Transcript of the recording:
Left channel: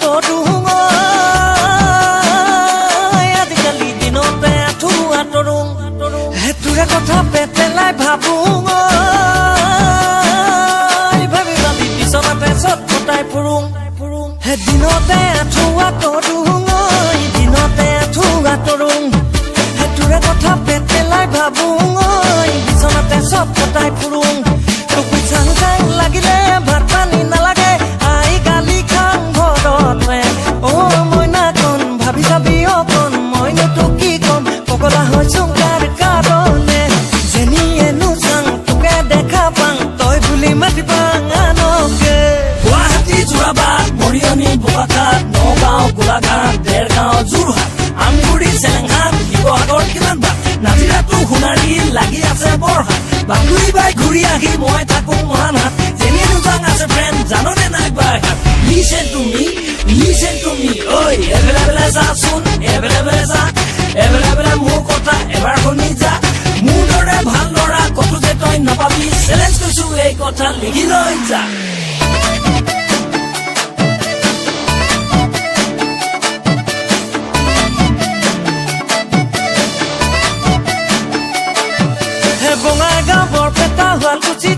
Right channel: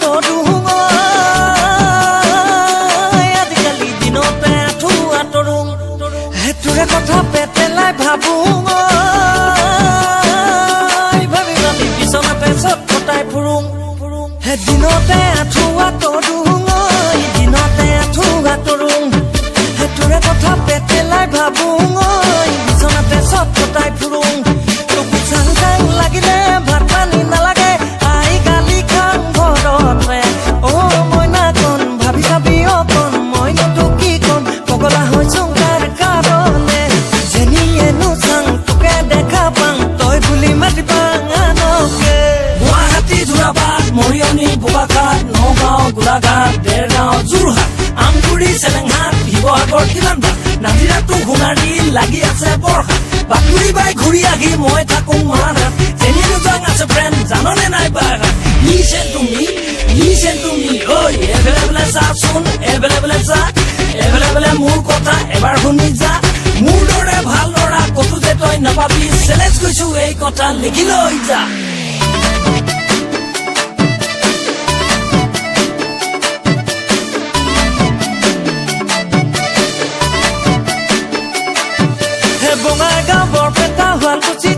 তৰুং আজিকালি দিনতে আঁঠুৱা তৰুং হেতুৰে কথা পেটেলাই ভাবুং ভাবি ভাবি বিচনাতে চট ফটাই ফুৰুং হে দিনতে আঁঠুৱা তৰুং দিনতে আঁঠুৱা তৰুং হেতুৰে কথা পেটেলাই ভাবুং বিচনাতে চট ফটাই ফুৰুং টুকুই চাং চাং লাগিলে ভাত পানী নালাগে আই গালি খাং ঘৰতে মইনা কণ ভাবি চাবি অকণ মইনো তোক কি কম পগলা হৈছোং তাৰ কাৰণে যেনিয়েনো চাং তোকে দেখা পাং তই বুলি মাতি পাং আনকে গুৱাহাটী যোৰাবাট মৰিয়নি বোকাখাট নগাঁও গোলাঘাট দেৰগাঁও যোৰহাট আমগুৰি চেলেংহাট শিৱসাগৰ কিমান বাট নাজিৰাটো সোণাৰী লাগি আছে বৰহাট বাতৰি বাই ঘূৰি আহি মই থাকোঁ মৰাণহাট যেনি দুটাং আছে ফ্ৰেণ্ড জাননে নাই বাৰহাট নিছে তুমি ঐ এভেলেবলে যাচোন এভেলেবলে যা এভেলেবলে মোৰ কথা এবাৰ শুনি যা মোৰ দৰে ভাল ল'ৰা কতো যে তই নাপাবি চেলেঞ্জ কৰিছোঁ এই কথা লিখি লৈ যা বঙাইগাঁও বৰপেটা শুৱালকুছি